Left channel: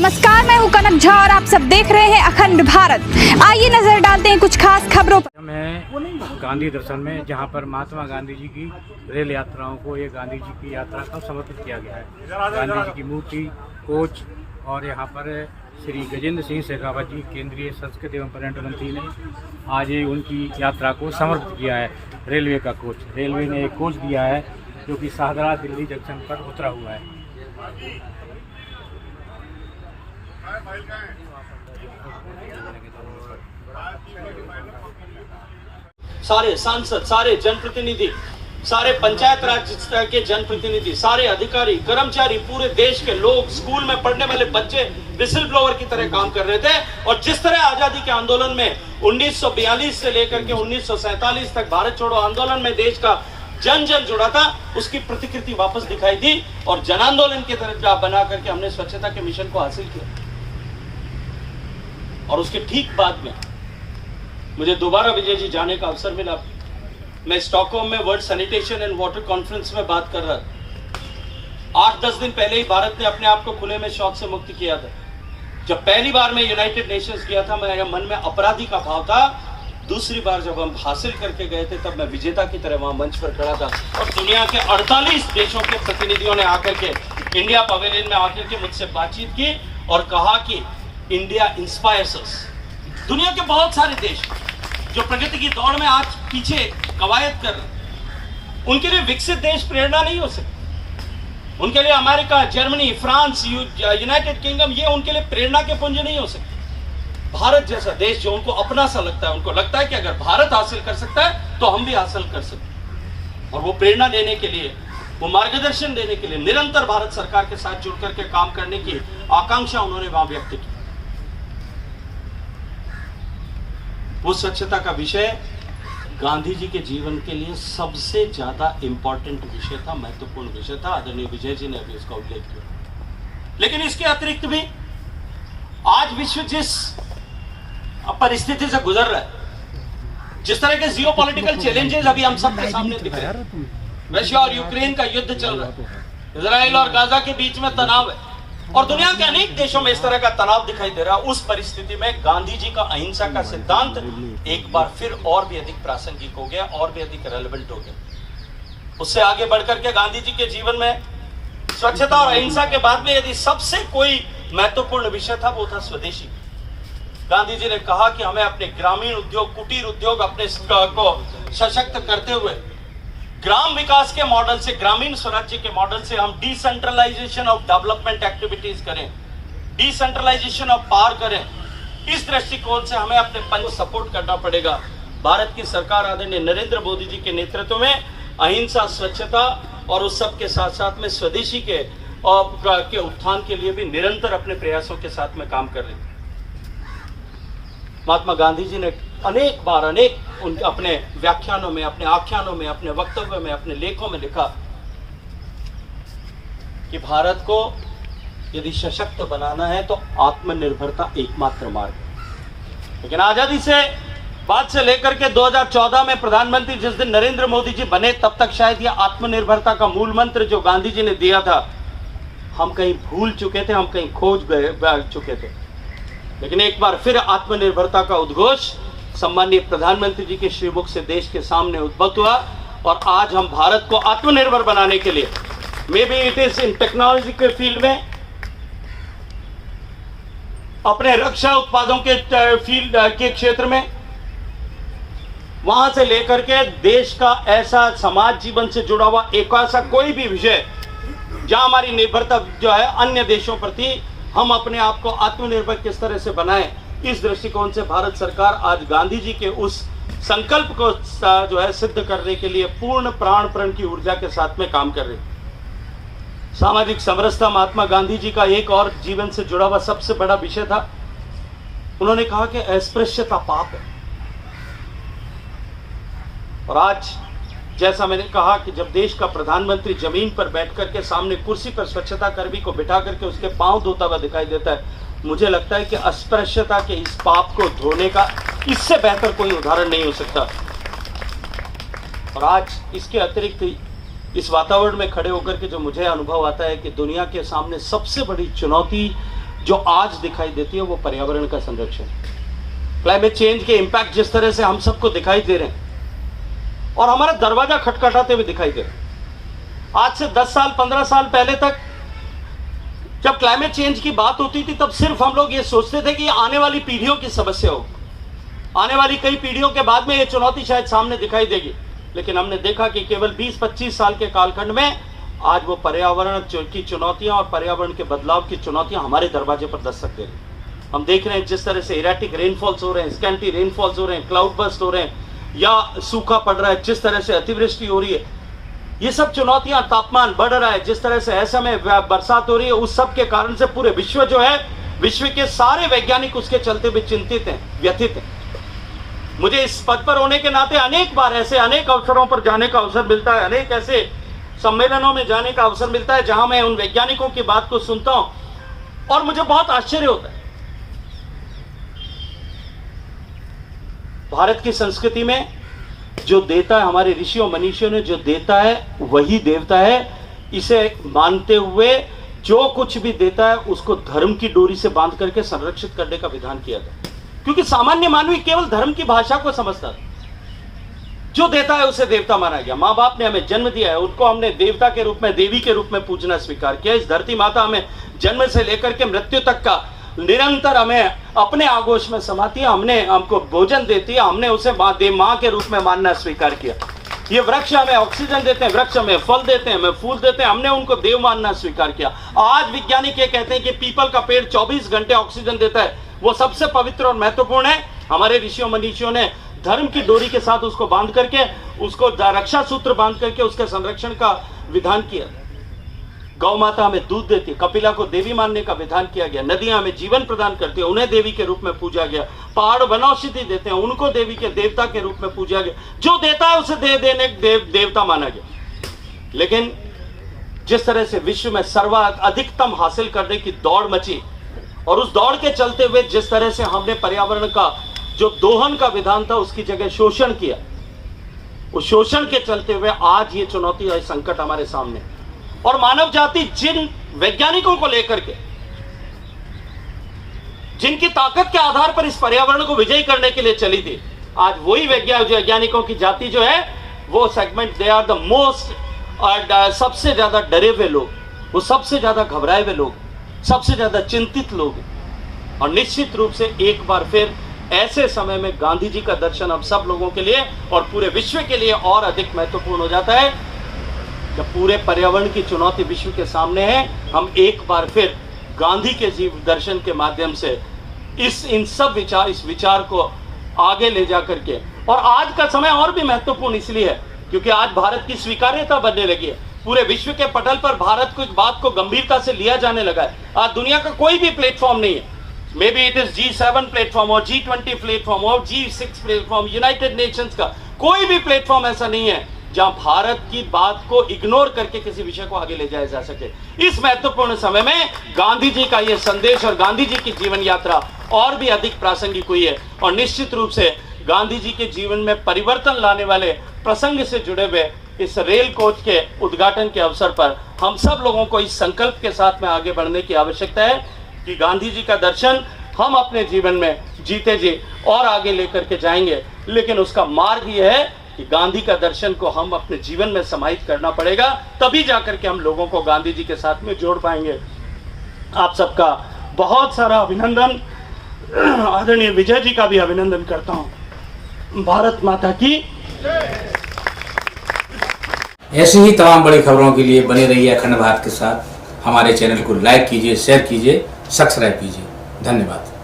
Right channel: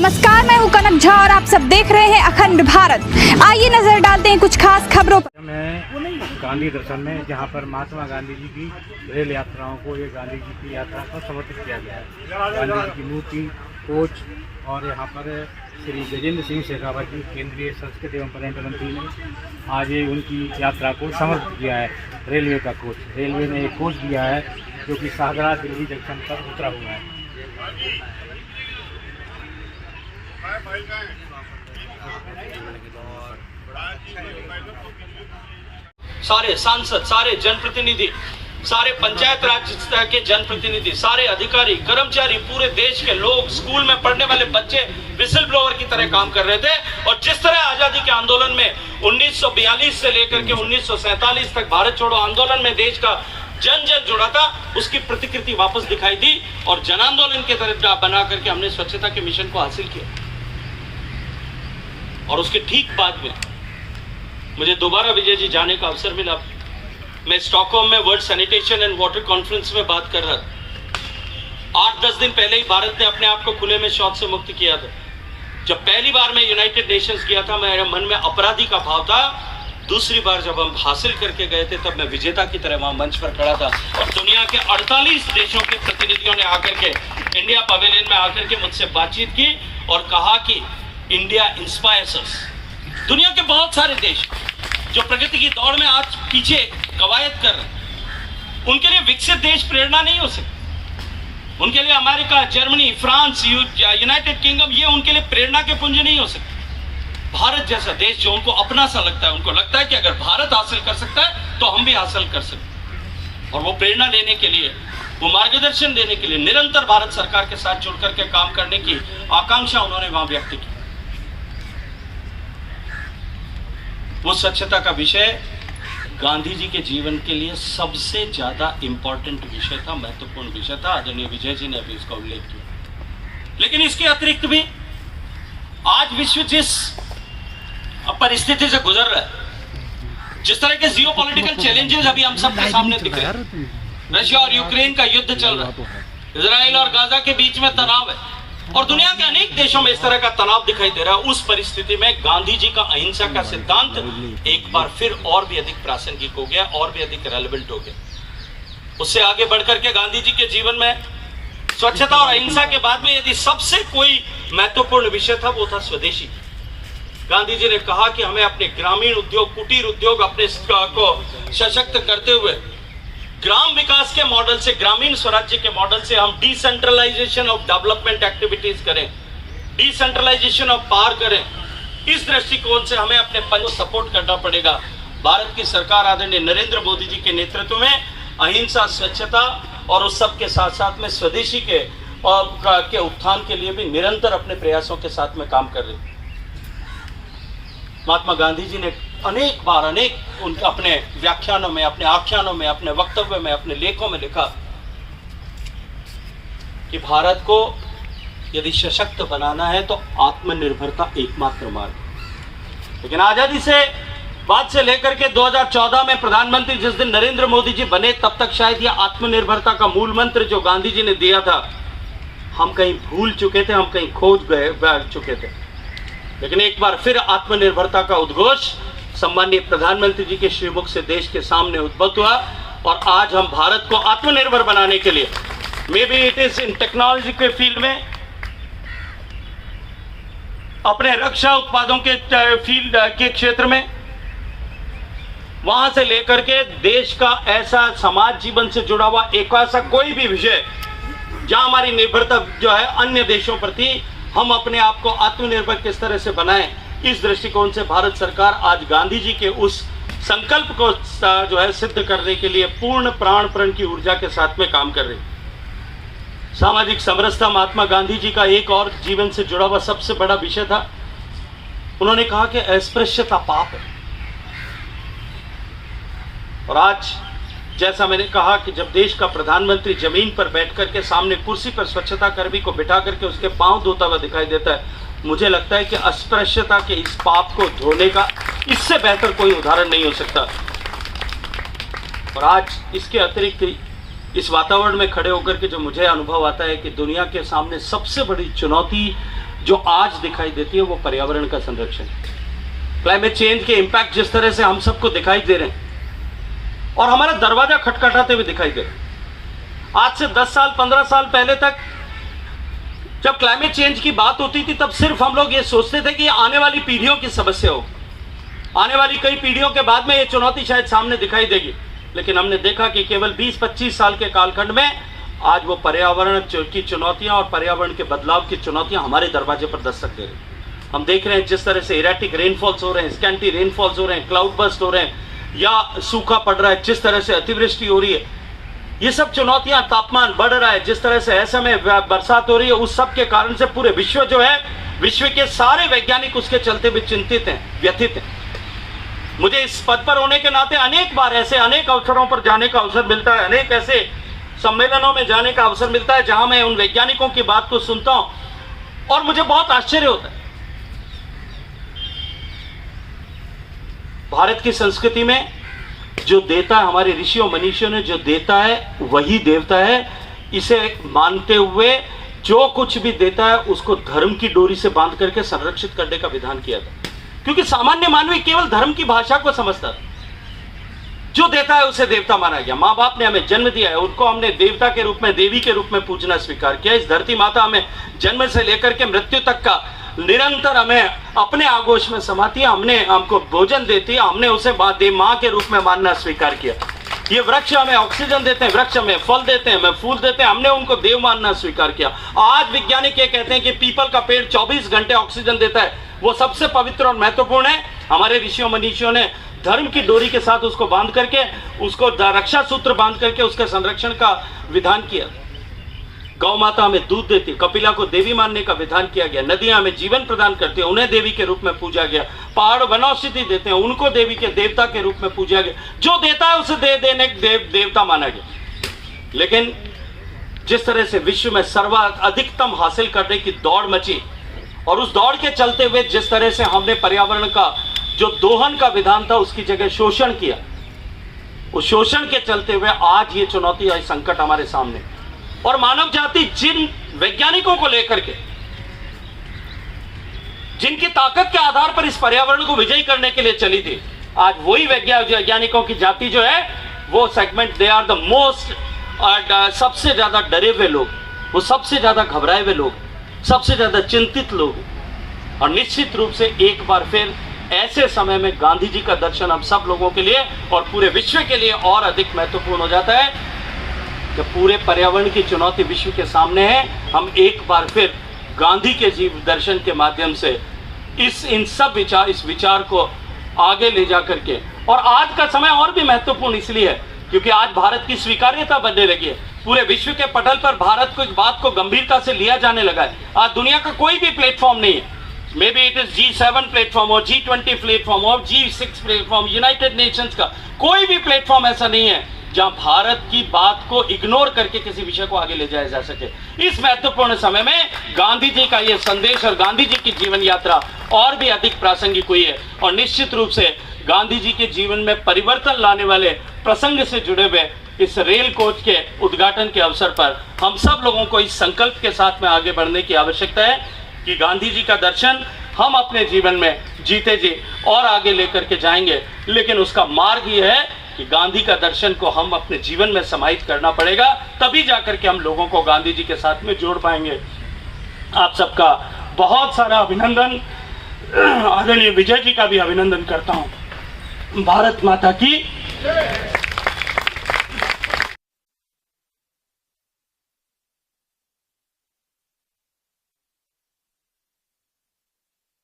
नमस्कार, मैं हूं कनक झा और आप सब देख रहे हैं अखंड भारत। आइए नजर डालते हैं कुछ खास खबरों पर। मैं गांधी दर्शन में, जहां पर महात्मा गांधी जी की रेल यात्राओं को ये गांधी जी की यात्रा को समर्पित किया गया है। गांधी जी की मूर्ति, कोच और यहाँ पर श्री गजेंद्र सिंह शेखावत जी, केंद्रीय संस्कृति एवं पर्यटन मंत्री ने आज उनकी यात्रा को समर्पित किया है। रेलवे का कोच, रेलवे ने एक कोच दिया है जो कि शाहदरा दिल्ली जंक्शन पर उतरा हुआ है। सारे सांसद, सारे जनप्रतिनिधि, सारे पंचायत राज स्तर के जनप्रतिनिधि, सारे अधिकारी, कर्मचारी, पूरे देश के लोग, स्कूल में पढ़ने वाले बच्चे विसल ब्लोअर की तरह काम कर रहे थे। और जिस तरह आजादी के आंदोलन में 1942 से लेकर के 1947 तक भारत छोड़ो आंदोलन में देश का जन जन जुड़ा था, उसकी प्रतिकृति वापस दिखाई दी और जन आंदोलन की तरह बना करके हमने स्वच्छता के मिशन को हासिल किया। और उसके ठीक बाद में मुझे दोबारा विजय जी जाने का अवसर मिला। मैं स्टॉकहोम में world sanitation and water conference में बात कर रहा था। 8-10 दिन पहले ही भारत ने अपने आप को खुले में शौच से मुक्त किया था। जब पहली बार मैं यूनाइटेड नेशंस गया था, मेरे मन में अपराधी का भाव था। दूसरी बार जब हम हासिल करके गए थे, तब मैं विजेता की तरह वहां मंच पर खड़ा था और दुनिया के 48 देशों के प्रतिनिधियों ने आकर के इंडिया पवेलियन में आकर के मुझसे बातचीत की और कहा कि इंडिया इंस्पायर्स अस। दुनिया के बहुत सारे देश जो प्रगति की दौड़ में आज पीछे कवायद कर रहे हैं, उनके लिए विकसित देश प्रेरणा नहीं हो सकते। उनके लिए America, Germany, France, United kingdom, ये उनके लिए प्रेरणा के पुंज नहीं हो सकते। भारत जैसा देश जो उनको अपना सा लगता है, उनको लगता है कि अगर भारत हासिल कर सकता है तो हम भी हासिल कर सकते। और वो प्रेरणा लेने के लिए, वो मार्गदर्शन देने के लिए निरंतर भारत सरकार के साथ जुड़ करके काम करने की आकांक्षा उन्होंने वहां व्यक्त की। वो स्वच्छता का विषय गांधी जी के जीवन के लिए सबसे ज्यादा इंपॉर्टेंट विषय था, महत्वपूर्ण विषय था। आदरणीय विजय जी ने अभी उसका उल्लेख किया। लेकिन इसके अतिरिक्त भी आज विश्व जिस परिस्थिति से गुजर रहा है, जिस तरह के जियोपॉलिटिकल चैलेंजेस अभी हम सबके सामने दिख रहे हैं, रशिया और यूक्रेन का युद्ध चल रहा है, इजराइल और गाजा के बीच में तनाव है और दुनिया के अनेक देशों में इस तरह का तनाव दिखाई दे रहा है। उस परिस्थिति में गांधी जी का अहिंसा का सिद्धांत एक बार फिर और भी अधिक प्रासंगिक हो गया, और भी अधिक रेलेवेंट हो गया। उससे आगे बढ़कर के गांधी जी के जीवन में स्वच्छता और अहिंसा के बाद में यदि सबसे कोई महत्वपूर्ण विषय था, वो था स्वदेशी। गांधी जी ने कहा कि हमें अपने ग्रामीण उद्योग, कुटीर उद्योग अपने को सशक्त करते हुए ग्राम विकास के मॉडल से, ग्रामीण स्वराज्य के मॉडल से हम डिसेंट्रलाइजेशन ऑफ डेवलपमेंट एक्टिविटीज करें, डिसेंट्रलाइजेशन ऑफ पावर करें। इस दृष्टिकोण से हमें अपने पंच को सपोर्ट करना पड़ेगा। भारत की सरकार आदरणीय नरेंद्र मोदी जी के नेतृत्व में अहिंसा, स्वच्छता और उस सब के साथ साथ में स्वदेशी के उत्थान के लिए भी निरंतर अपने प्रयासों के साथ में काम कर रही है। महात्मा गांधी जी ने अनेक बार उनके अपने व्याख्यानों में, अपने आख्यानों में, अपने वक्तव्य में, अपने लेखों में लिखा कि भारत को यदि सशक्त बनाना है तो आत्मनिर्भरता एकमात्र मार्ग है। लेकिन आजादी से बाद से लेकर के 2014 में प्रधानमंत्री जिस दिन नरेंद्र मोदी जी बने, तब तक शायद यह आत्मनिर्भरता का मूल मंत्र जो गांधी जी ने दिया था, हम कहीं भूल चुके थे, हम कहीं खोज चुके थे। लेकिन एक बार फिर आत्मनिर्भरता का उद्घोष सम्माननीय प्रधानमंत्री जी के श्रीमुख से देश के सामने उद्भव हुआ और आज हम भारत को आत्मनिर्भर बनाने के लिए, may be it is in technology के फील्ड में, अपने रक्षा उत्पादों के फील्ड के क्षेत्र में, वहां से लेकर के देश का ऐसा समाज जीवन से जुड़ा हुआ एक ऐसा कोई भी विषय जहां हमारी निर्भरता जो है अन्य देशों प्रति, हम अपने आप को आत्मनिर्भर किस तरह से बनाएं, इस दृष्टिकोण से भारत सरकार आज गांधी जी के उस संकल्प को जो है सिद्ध करने के लिए पूर्ण प्राण की ऊर्जा के साथ में काम कर रही है। सामाजिक समरसता महात्मा गांधी जी का एक और जीवन से जुड़ा हुआ सबसे बड़ा विषय था। उन्होंने कहा कि अस्पृश्यता पाप है। और आज जैसा मैंने कहा कि जब देश का प्रधानमंत्री जमीन पर बैठ करके सामने कुर्सी पर स्वच्छता कर्मी को बिठा करके उसके पांव धोता हुआ दिखाई देता है, मुझे लगता है कि अस्पृश्यता के इस पाप को धोने का इससे बेहतर कोई उदाहरण नहीं हो सकता। और आज इसके अतिरिक्त इस वातावरण में खड़े होकर के जो मुझे अनुभव आता है कि दुनिया के सामने सबसे बड़ी चुनौती जो आज दिखाई देती है वो पर्यावरण का संरक्षण। क्लाइमेट चेंज के इंपैक्ट जिस तरह से हम सबको दिखाई दे रहे हैं और हमारा दरवाजा खटखटाते हुए दिखाई दे रहे हैं। आज से 10 साल 15 साल पहले तक जब क्लाइमेट चेंज की बात होती थी तब सिर्फ हम लोग ये सोचते थे कि आने वाली पीढ़ियों की समस्या हो, आने वाली कई पीढ़ियों के बाद में ये चुनौती शायद सामने दिखाई देगी। लेकिन हमने देखा कि केवल 20-25 साल के कालखंड में आज वो पर्यावरण की चुनौतियां और पर्यावरण के बदलाव की चुनौतियां हमारे दरवाजे पर दस्तक दे रही। हम देख रहे हैं जिस तरह से इरेटिक रेनफॉल्स हो रहे हैं, स्कैंटी रेनफॉल्स हो रहे हैं, क्लाउड बर्स्ट हो रहे हैं या सूखा पड़ रहा है, जिस तरह से अतिवृष्टि हो रही है, ये सब चुनौतियां, तापमान बढ़ रहा है, जिस तरह से ऐसे में बरसात हो रही है, उस सब के कारण से पूरे विश्व जो है, विश्व के सारे वैज्ञानिक उसके चलते हुए चिंतित हैं, व्यथित हैं। मुझे इस पद पर होने के नाते अनेक बार ऐसे अनेक अवसरों पर जाने का अवसर मिलता है, अनेक ऐसे सम्मेलनों में जाने का अवसर मिलता है जहां मैं उन वैज्ञानिकों की बात को सुनता हूं और मुझे बहुत आश्चर्य होता है। भारत की संस्कृति में जो देता है, हमारे ऋषियों मनीषियों ने जो देता है वही देवता है। इसे मानते हुए जो कुछ भी देता है उसको धर्म की डोरी से बांध करके संरक्षित करने का विधान किया था, क्योंकि सामान्य मानवी केवल धर्म की भाषा को समझता था। जो देता है उसे देवता माना गया। माँ बाप ने हमें जन्म दिया है, उनको हमने देवता के रूप में, देवी के रूप में पूजना स्वीकार किया। इस धरती माता हमें जन्म से लेकर के मृत्यु तक का निरंतर हमें अपने आगोश में समाती है, हमको भोजन देती है, हमने उसे माँ के रूप में मानना स्वीकार किया। ये वृक्ष हमें ऑक्सीजन देते हैं, वृक्ष हमें फल देते हैं, हमें फूल देते हैं, हमने उनको देव मानना स्वीकार किया। आज वैज्ञानिक ये कहते हैं कि पीपल का पेड़ 24 घंटे ऑक्सीजन देता है, वो सबसे पवित्र और महत्वपूर्ण है। हमारे ऋषियों मनीषियों ने धर्म की डोरी के साथ उसको बांध करके, उसको रक्षा सूत्र बांध करके उसके संरक्षण का विधान किया। गौ माता हमें दूध देती, कपिला को देवी मानने का विधान किया गया। नदियां हमें जीवन प्रदान करती है, उन्हें देवी के रूप में पूजा गया। पहाड़ वनौषधि देते हैं, उनको देवी के देवता के रूप में पूजा गया। जो देता है उसे देने देवता माना गया। लेकिन जिस तरह से विश्व में अधिकतम हासिल करने की दौड़ मची और उस दौड़ के चलते हुए जिस तरह से हमने पर्यावरण का जो दोहन का विधान था उसकी जगह शोषण किया, उस शोषण के चलते हुए आज ये चुनौती है, संकट हमारे सामने। और मानव जाति जिन वैज्ञानिकों को लेकर के, जिनकी ताकत के आधार पर इस पर्यावरण को विजयी करने के लिए चली थी, आज वही वैज्ञानिकों की जाति जो है वो segment, they are the most, सबसे ज्यादा डरे हुए लोग, वो सबसे ज्यादा घबराए हुए लोग, सबसे ज्यादा चिंतित लोग। और निश्चित रूप से एक बार फिर ऐसे समय में गांधी जी का दर्शन हम सब लोगों के लिए और पूरे विश्व के लिए और अधिक महत्वपूर्ण हो जाता है। जब पूरे पर्यावरण की चुनौती विश्व के सामने है, हम एक बार फिर गांधी के जीव दर्शन के माध्यम से इस विचार को आगे ले जा करके, और आज का समय और भी महत्वपूर्ण इसलिए है क्योंकि आज भारत की स्वीकार्यता बढ़ने लगी है। पूरे विश्व के पटल पर भारत को इस बात को गंभीरता से लिया जाने लगा है। आज दुनिया का कोई भी प्लेटफॉर्म नहीं है, may be it is G7 platform और G20 प्लेटफॉर्म और G6 प्लेटफॉर्म, यूनाइटेड नेशंस का कोई भी प्लेटफॉर्म ऐसा नहीं है जहां भारत की बात को इग्नोर करके किसी विषय को आगे ले जाया जा सके। इस महत्वपूर्ण समय में गांधी जी का यह संदेश और गांधी जी की जीवन यात्रा और भी अधिक प्रासंगिक हुई है। और निश्चित रूप से गांधी जी के जीवन में परिवर्तन लाने वाले प्रसंग से जुड़े हुए इस रेल कोच के उद्घाटन के अवसर पर हम सब लोगों को इस संकल्प के साथ में आगे बढ़ने की आवश्यकता है कि गांधी जी का दर्शन हम अपने जीवन में जीते जी और आगे लेकर के जाएंगे। लेकिन उसका मार्ग यह है कि गांधी का दर्शन को हम अपने जीवन में समाहित करना पड़ेगा, तभी जाकर के हम लोगों को गांधी जी के साथ में जोड़ पाएंगे। आप सबका बहुत सारा अभिनंदन, आदरणीय विजय जी का भी अभिनंदन करता हूं। भारत माता की। ऐसी ही तमाम बड़ी खबरों के लिए बने रहिए अखंड भारत के साथ। हमारे चैनल को लाइक कीजिए, शेयर कीजिए, सब्सक्राइब कीजिए। धन्यवाद।